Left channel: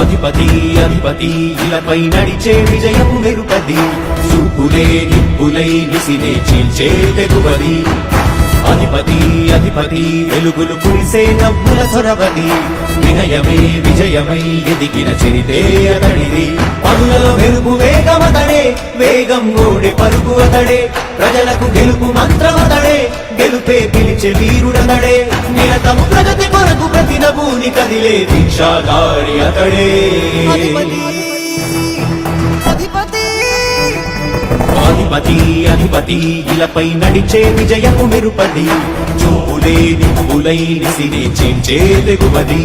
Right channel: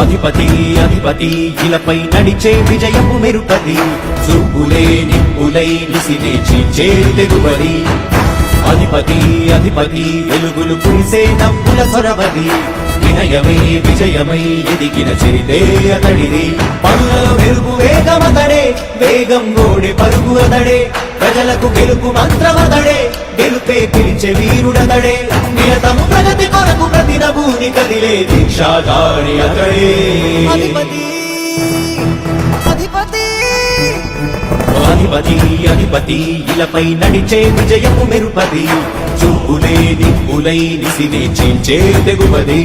అధిపతి అధిపతి ఇలపై నడిచే విజయము మెరుపతి. చూపులే నిప్పులై నిసినే చీల్చే తెగువది అధిపతి అధిపతి వెలుగులు పూసే నవ్వుల చొరవది వినయమై విజయమై ఎదిగిన చరితే అతడిది. పనులలో మెరుపు వేగమతడే వేగం గోడి పరుగు అతడే. ప్రజలకు గెలుపు మంత్రమతడే గెలుపే పిలిచే వీరుడతడే. నిలతము నభూని కదిలే దీక్షాగారి అతడే. అధిపతి అధిపతి. అధిపతి అధిపతి ఇలపై నడిచే విజయము మెరుపది చూపులే నిప్పులై నిసినే చేంచే తెగువది.